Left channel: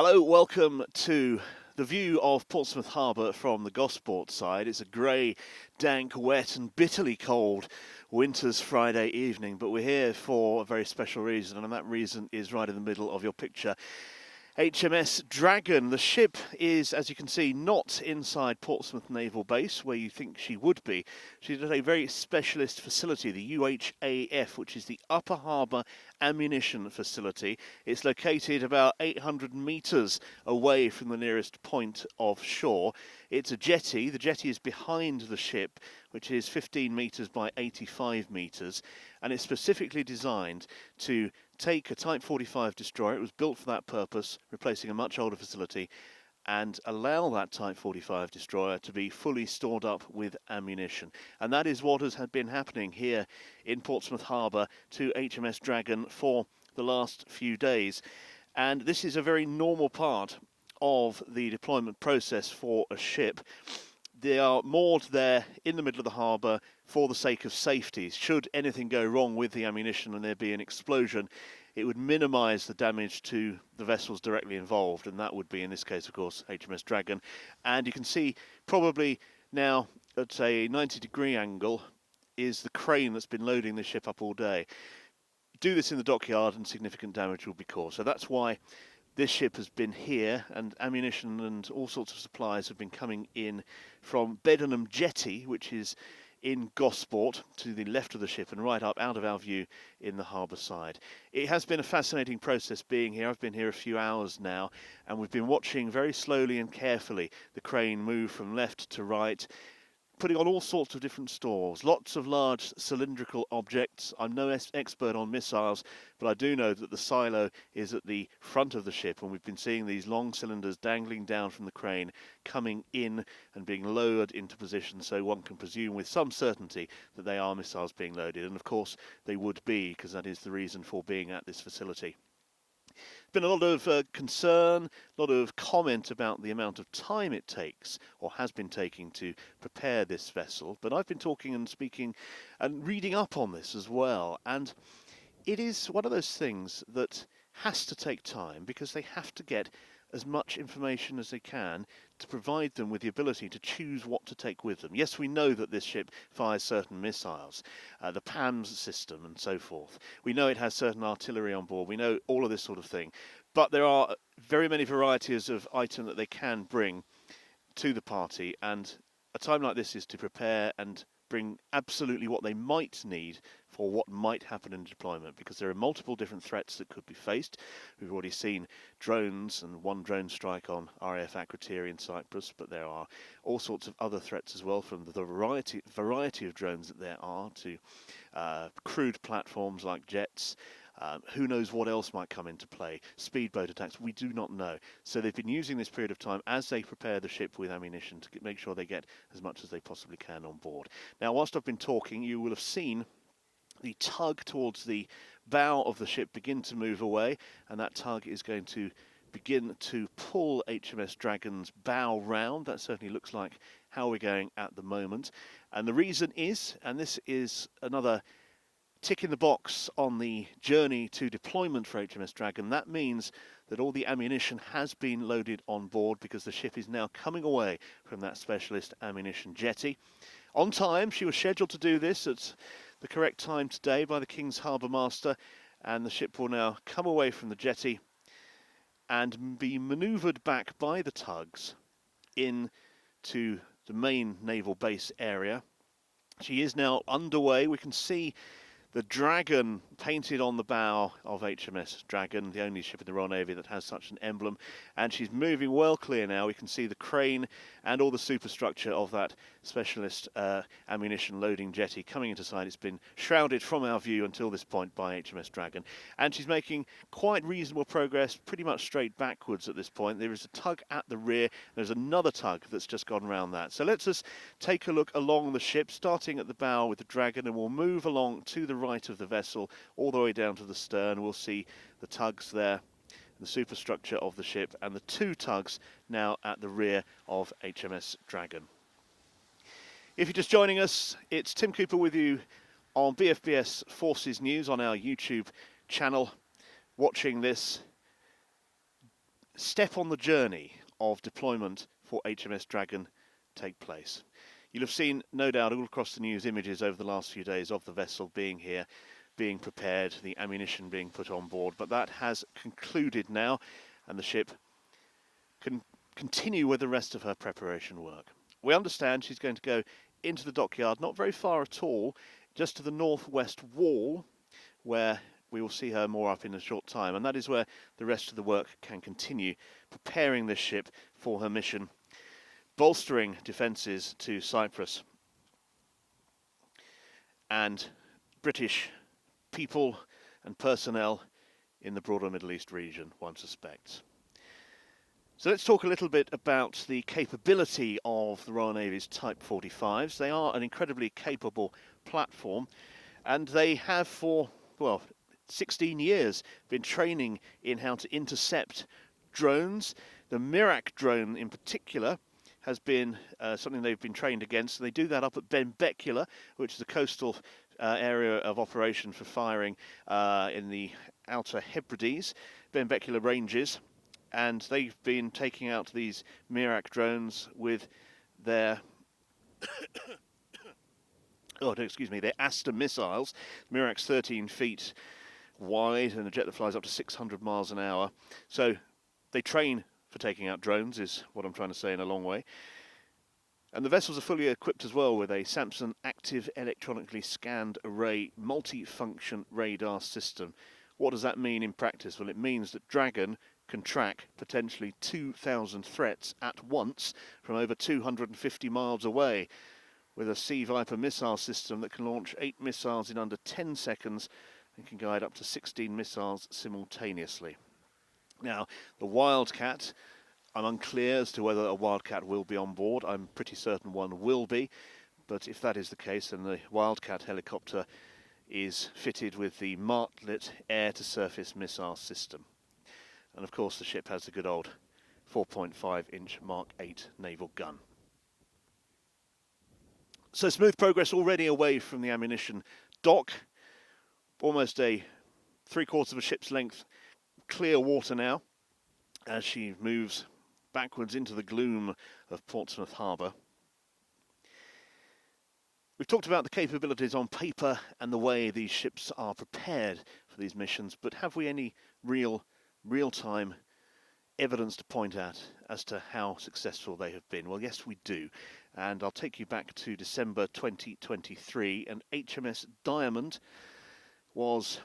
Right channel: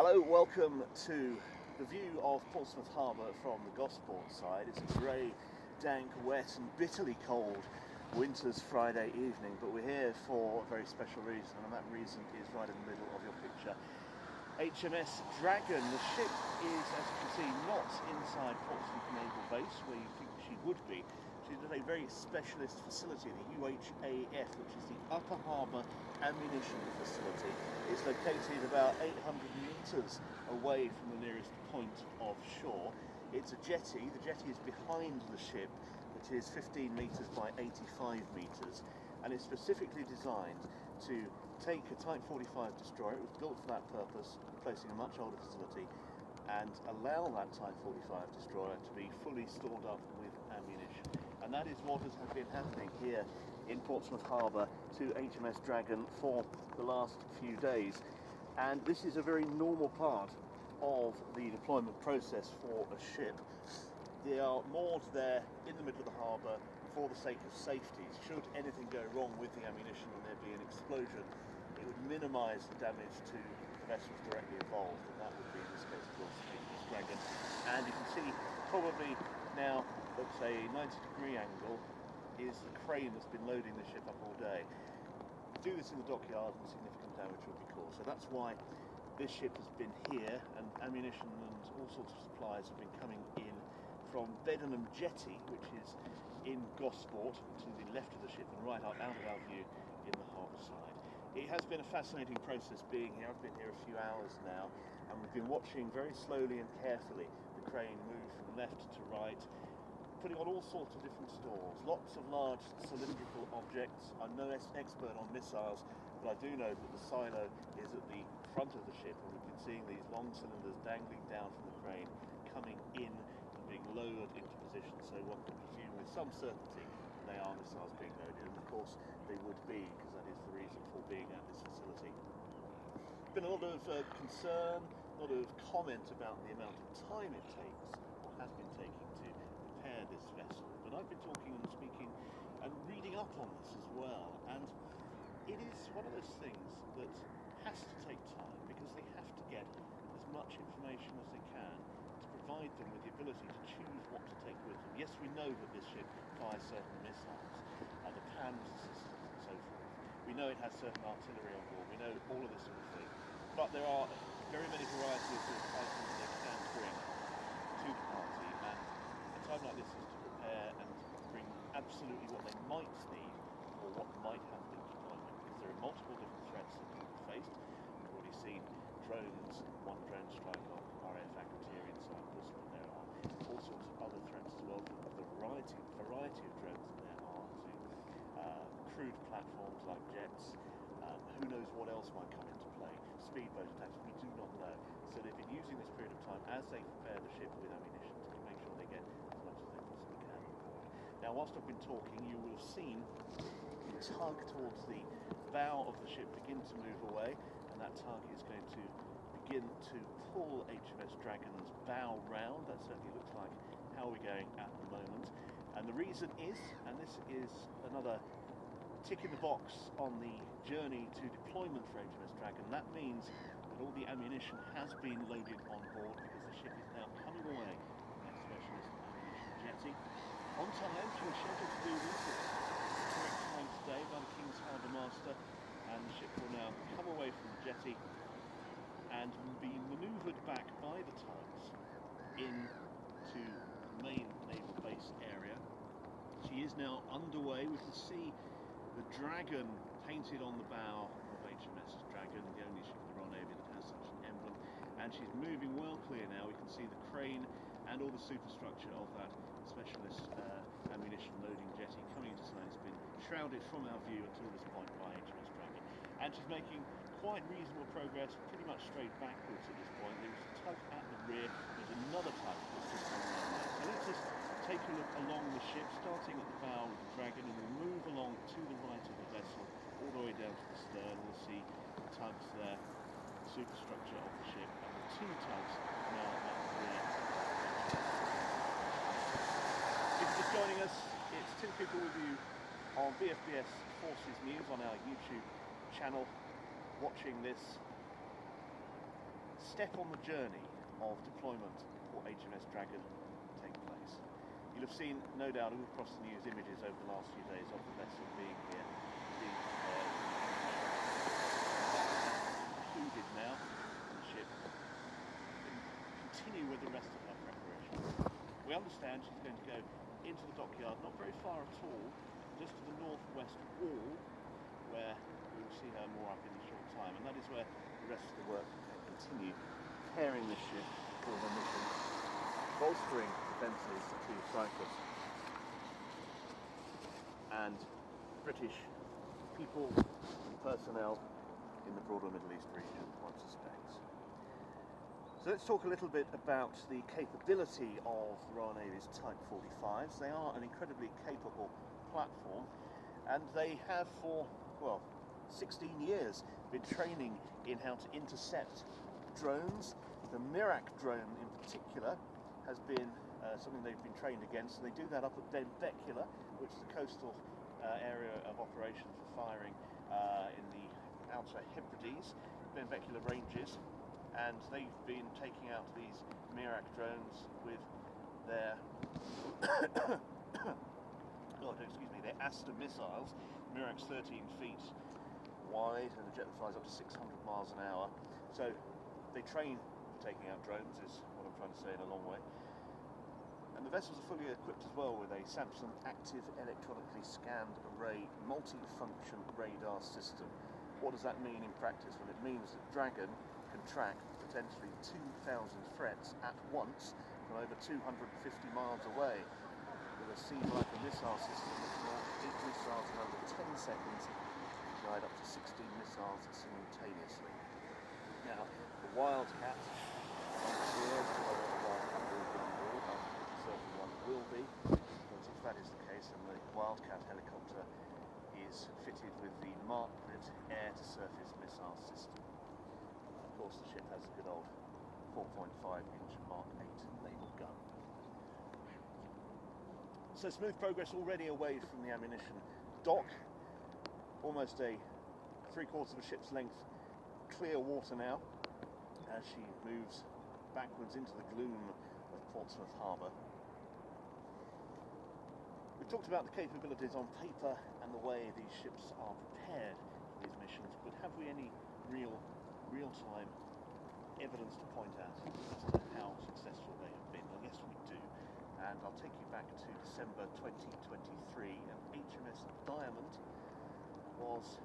Hello, welcome to the view of Portsmouth Harbour from the Gosport side. It's a grey, dank, wet and bitterly cold winter's Friday evening, but we're here for a very special reason, and that reason is right in the middle of your picture. HMS Dragon. The ship is, as you can see, not inside Portsmouth Naval Base, where you think she would be. She's at a very specialist facility, the UHAF, which is the Upper Harbour Ammunition Facility. It's located about 800 metres away from the nearest point of shore. It's a jetty. The jetty is behind the ship, which is 15 metres by 85 metres, and it's specifically designed to take a Type 45 destroyer. It was built for that purpose, replacing a much older facility, and allow that Type 45 destroyer to be fully stored up with ammunition. And that is what has been happening here in Portsmouth Harbour to HMS Dragon for the last few days. And this is a very normal part of the deployment process for a ship. They are moored there in the middle of the harbour for the sake of safety. Should anything go wrong with the ammunition and there be an explosion, it would minimise the damage to the vessels directly involved, and that would be, in this case, of course, HMS Dragon. And you can see probably now at a 90-degree angle is the crane that's been loading the ship up all day. Do this in the dockyard and significant damage will be caused. So that's why this ship has been here, and ammunition and all sorts of supplies have been coming in from Beddenham Jetty, which is in Gosport, to the left of the ship and right up out of our view in the harbour side. It has been a fascinating process being here. I've been here a few hours now, and we've been watching very slowly and carefully the crane move from left to right, putting on all sorts of different stores, lots of large cylindrical objects. I'm no expert on missiles, but I do know that the silo is at the front of the ship, and we've been seeing these long cylinders dangling down from the crane, coming in and being lowered into position, so one can presume with some certainty that they are missiles being loaded. And of course they would be, because that is the reason for being at this facility. Been a lot of concern, a lot of comment about the amount of time it takes, or has been taking, to prepare this vessel. But I've been talking and speaking and reading up on this as well, and it is one of those things that has to take time, because they have to get as much information as they can to provide them with the ability to choose what to take with them. Yes, we know that this ship fires certain missiles, the PAMS system and so forth. We know it has certain artillery on board. We know all of this sort of thing. But there are very many varieties of item that they can bring to the party, and a time like this is to prepare and bring absolutely what they might need for what might happen in deployment, because there are multiple different threats that could be faced. We've already seen drones and one drone strike on RAF Akrotiri in Cyprus, but there are all sorts of other threats as well, from the variety of drones that there are to crewed platforms like jets. Who knows what else might come into play? Speedboat attacks, we do not know. So they've been using this period of time as they prepare the ship with ammunition to make sure they get as much as they possibly can on board. Now, whilst I've been talking, you will have seen the tug towards the bow of the ship begin to move away, and that tug is going to begin to pull HMS Dragon's bow round. That certainly looks like how we're going at the moment. And the reason is, and this is another tick in the box on the journey to deployment for HMS Dragon, that means that all the ammunition has been loaded on board, because the ship is now coming away from that specialist ammunition jetty. On time, she was scheduled to do this at the correct time today by the King's Harbour Master, and the ship will now come away from the jetty and be manoeuvred back by the tugs into the main naval base area. She is now underway. We can see the Dragon painted on the bow of HMS Dragon, the only ship in the Royal Navy that has such an emblem, and she's moving well clear now. We can see the crane and all the superstructure of that specialist ammunition loading jetty coming into sight. It's been shrouded from our view until this point by HMS Dragon, and she's making quite reasonable progress, pretty much straight backwards at this point. There is a tug at the rear, there's another tug that's just gone round that. So let's just take a look along the ship, starting at the bow with the Dragon, and we'll move along to the right of the vessel all the way down to the stern. We'll see the tugs there, the superstructure of the ship, and the two tugs now at the rear of HMS Dragon. If you're just joining us, it's Tim Cooper with you on BFBS Forces News on our YouTube channel, watching this step on the journey of deployment for HMS Dragon take place. You'll have seen, no doubt, all across the news images over the last few days of the vessel being here, being prepared, the ammunition being put on board, but that has concluded now, and the ship can continue with the rest of her preparation work. We understand she's going to go into the dockyard, not very far at all, just to the northwest wall, where we will see her more up in a short time, and that is where the rest of the work can continue, preparing this ship for her mission, bolstering defences to Cyprus and British people and personnel in the broader Middle East region, one suspects. So let's talk a little bit about the capability of the Royal Navy's Type 45s. They are an incredibly capable platform, and they have for, well, 16 years been training in how to intercept drones. The Mirak drone in particular has been something they've been trained against. They do that up at Benbecula, which is a coastal area of operation for firing in the Outer Hebrides, Benbecula Ranges, and they've been taking out these Mirak drones with their their Aster missiles. Mirak's 13 feet wide and a jet that flies up to 600 miles an hour. So they train for taking out drones, is what I'm trying to say in a long way. And the vessels are fully equipped as well with a Samson active electronically scanned array multi-function radar system. What does that mean in practice? Well, it means that Dragon can track potentially 2,000 threats at once from over 250 miles away, with a Sea Viper missile system that can launch 8 missiles in under 10 seconds and can guide up to 16 missiles simultaneously. Now, the Wildcat, I'm unclear as to whether a Wildcat will be on board. I'm pretty certain one will be, but if that is the case, then the Wildcat helicopter is fitted with the Martlet air-to-surface missile system. And of course the ship has the good old 4.5-inch Mark 8 naval gun. So smooth progress already away from the ammunition dock. Almost a 3/4 of a ship's length clear water now as she moves backwards into the gloom of Portsmouth Harbour. We've talked about the capabilities on paper and the way these ships are prepared for these missions, but have we any real-time evidence to point at as to how successful they have been? Well, yes, we do. And I'll take you back to December 2023, and HMS Diamond was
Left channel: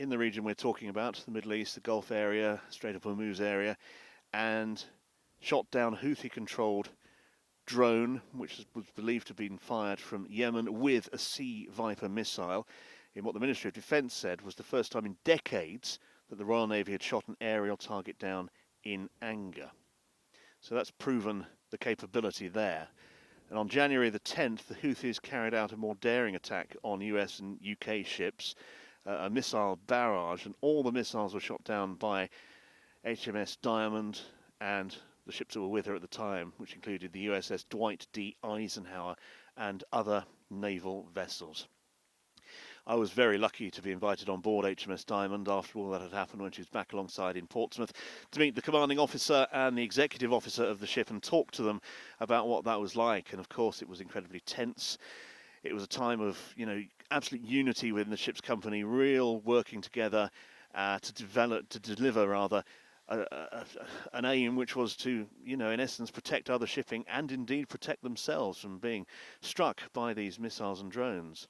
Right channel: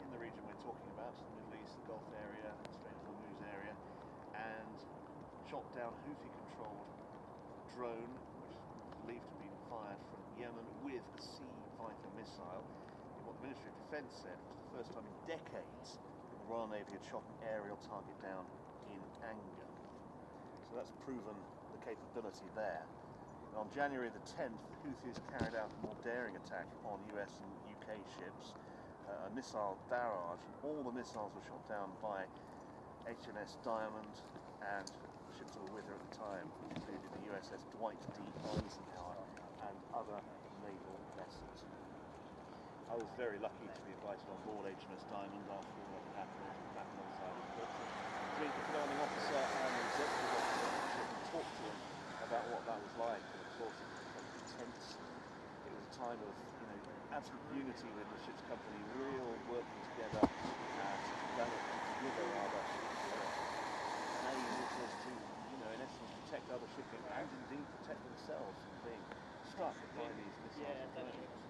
in the region we're talking about, the Middle East, the Gulf area, Strait of Hormuz area, and shot down a Houthi-controlled drone, which was believed to have been fired from Yemen with a Sea Viper missile, in what the Ministry of Defence said was the first time in decades that the Royal Navy had shot an aerial target down in anger. So that's proven the capability there. And on January the 10th, the Houthis carried out a more daring attack on US and UK ships, a missile barrage, and all the missiles were shot down by HMS Diamond and the ships that were with her at the time, which included the USS Dwight D. Eisenhower and other naval vessels. I was very lucky to be invited on board HMS Diamond after all that had happened when she was back alongside in Portsmouth to meet the commanding officer and the executive officer of the ship and talk to them about what that was like. And of course it was incredibly tense. It was a time of, absolute unity within the ship's company, real working together to deliver an aim which was to, in essence, protect other shipping and indeed protect themselves from being struck by these missiles and drones.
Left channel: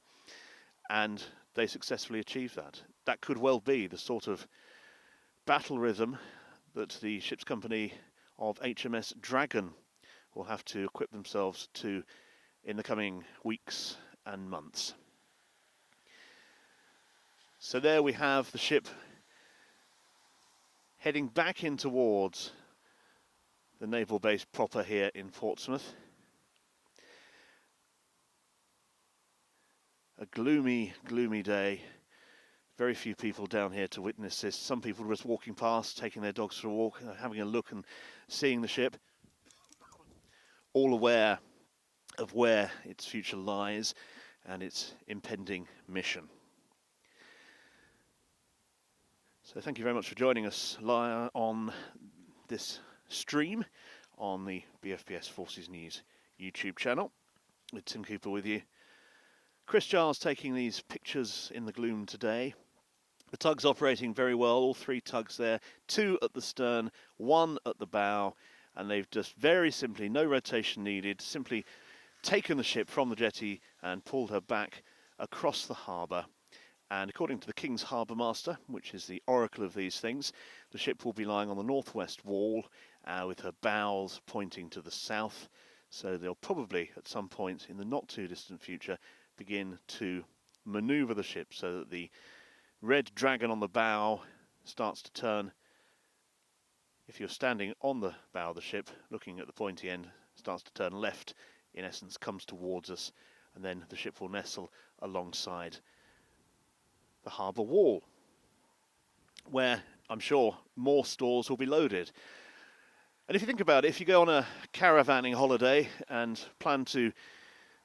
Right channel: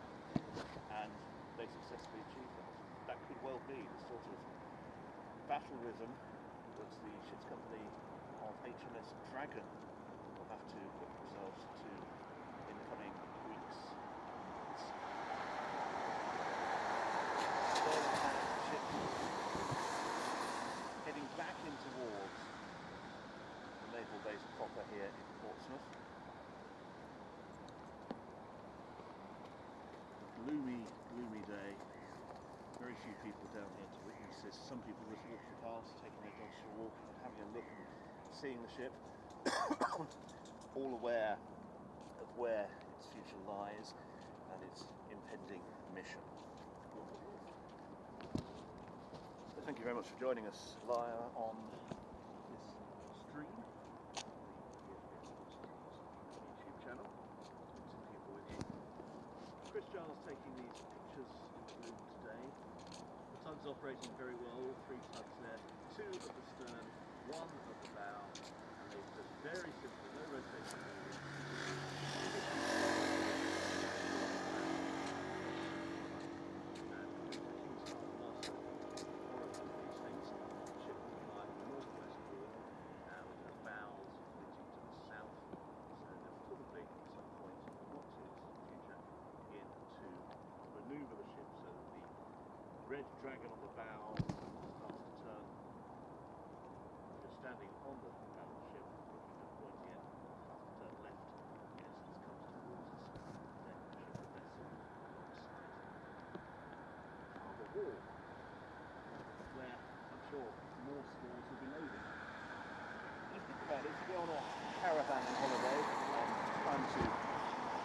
And they successfully achieved that. That could well be the sort of battle rhythm that the ship's company of HMS Dragon will have to equip themselves to in the coming weeks and months. So there we have the ship heading back in towards the naval base proper here in Portsmouth. A gloomy, gloomy day. Very few people down here to witness this. Some people were just walking past, taking their dogs for a walk, having a look and seeing the ship. All aware of where its future lies and its impending mission. So thank you very much for joining us on this stream on the BFBS Forces News YouTube channel. With Tim Cooper with you. Chris Giles taking these pictures in the gloom today. The tug's operating very well, all three tugs there, 2 at the stern, 1 at the bow, and they've just very simply, no rotation needed, simply taken the ship from the jetty and pulled her back across the harbour. And according to the King's Harbour Master, which is the oracle of these things, the ship will be lying on the northwest wall with her bows pointing to the south. So they'll probably, at some point in the not too distant future, begin to manoeuvre the ship so that the red dragon on the bow starts to turn. If you're standing on the bow of the ship, looking at the pointy end, starts to turn left, in essence comes towards us, and then the ship will nestle alongside the harbour wall, where I'm sure more stores will be loaded. And if you think about it, if you go on a caravanning holiday and plan to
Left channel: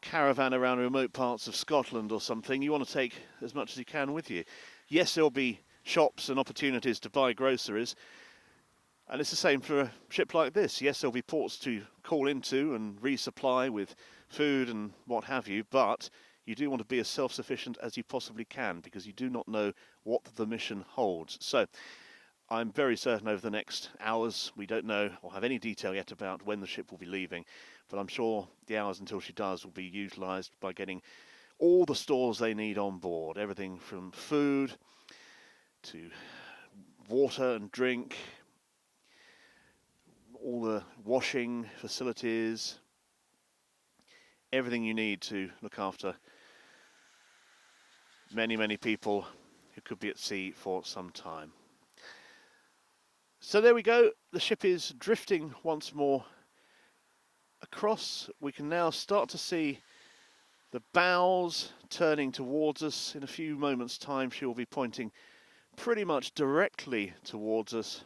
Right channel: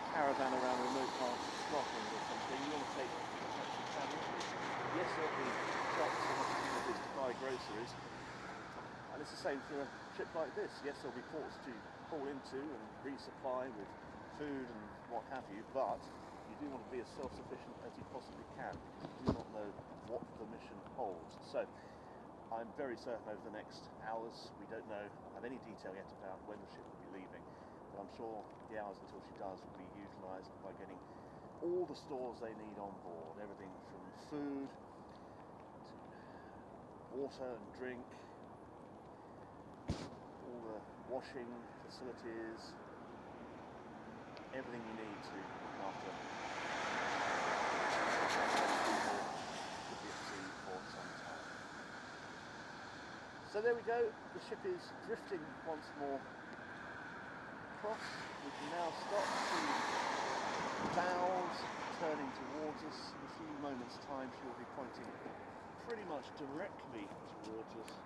caravan around remote parts of Scotland or something, you want to take as much as you can with you. Yes, there'll be shops and opportunities to buy groceries, and it's the same for a ship like this. Yes, there'll be ports to call into and resupply with food and what have you, but you do want to be as self-sufficient as you possibly can, because you do not know what the mission holds. So I'm very certain over the next hours, we don't know or have any detail yet about when the ship will be leaving, but I'm sure the hours until she does will be utilised by getting all the stores they need on board. Everything from food to water and drink, all the washing facilities, everything you need to look after many, many people who could be at sea for some time. So there we go, the ship is drifting once more across. We can now start to see the bows turning towards us. In a few moments' time she will be pointing pretty much directly towards us.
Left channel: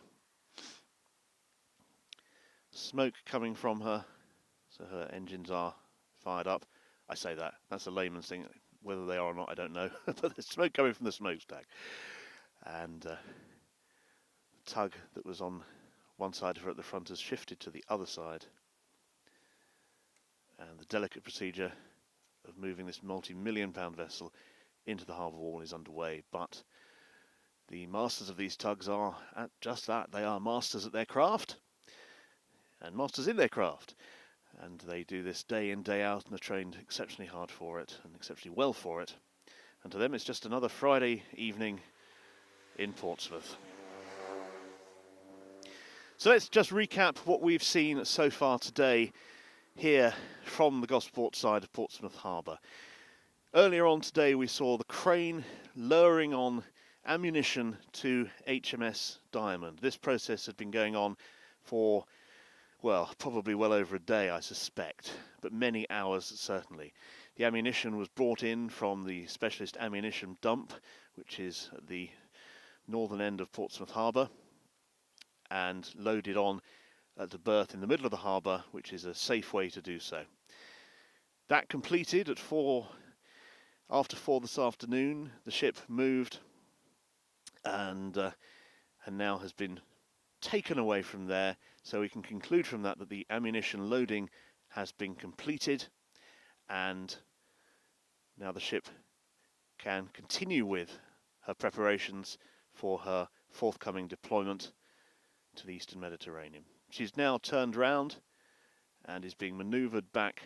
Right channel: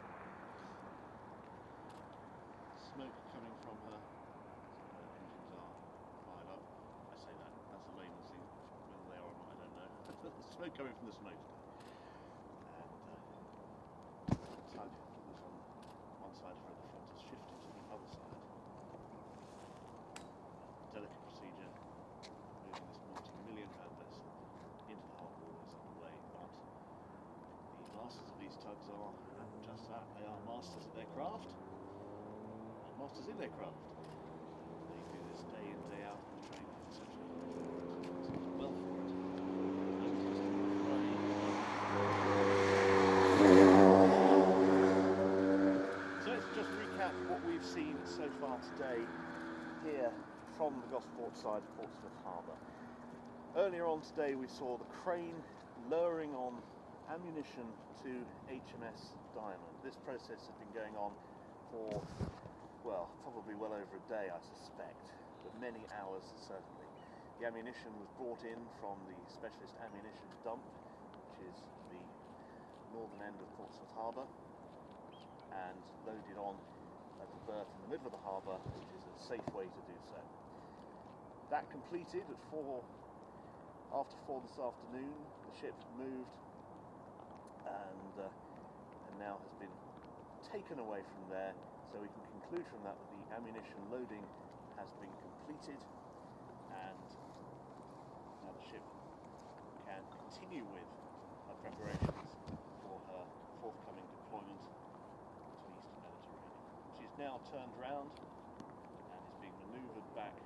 Smoke coming from her, so her engines are fired up. I say that, that's a layman's thing. Whether they are or not, I don't know. But there's smoke coming from the smokestack. And the tug that was on one side of her at the front has shifted to the other side. And the delicate procedure of moving this multi-million-pound vessel into the harbour wall is underway. But the masters of these tugs are at just that. They are masters at their craft and masters in their craft. And they do this day in, day out, and are trained exceptionally hard for it, exceptionally well for it. And to them it's just another Friday evening in Portsmouth. So let's just recap what we've seen so far today here from the Gosport side of Portsmouth Harbour. Earlier on today we saw the crane lowering on ammunition to HMS Diamond. This process had been going on for, well, probably well over a day, I suspect, but many hours certainly. The ammunition was brought in from the specialist ammunition dump, which is at the northern end of Portsmouth Harbour, and loaded on at the berth in the middle of the harbour, which is a safe way to do so. That completed at after 4 this afternoon. The ship moved and now has been taken away from there, so we can conclude from that the ammunition loading has been completed, and now the ship can continue with her preparations for her forthcoming deployment to the Eastern Mediterranean. She's now turned round and is being manoeuvred back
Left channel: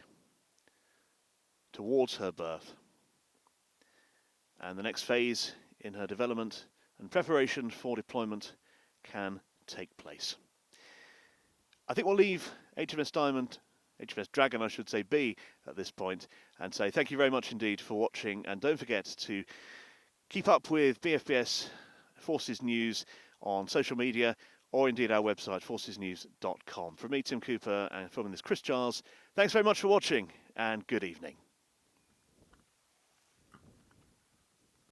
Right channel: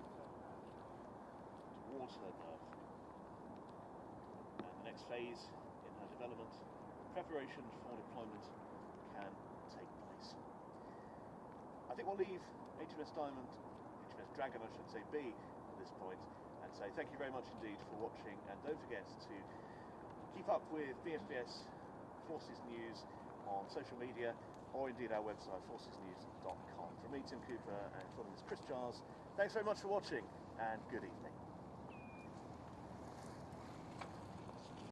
towards her berth, and the next phase in her development and preparation for deployment can take place. I think we'll leave HMS Dragon I should say, be at this point, and say thank you very much indeed for watching, and don't forget to keep up with BFBS Forces News on social media, or indeed our website forcesnews.com. From me, Tim Cooper, and filming this, Chris Giles, thanks very much for watching, and good evening.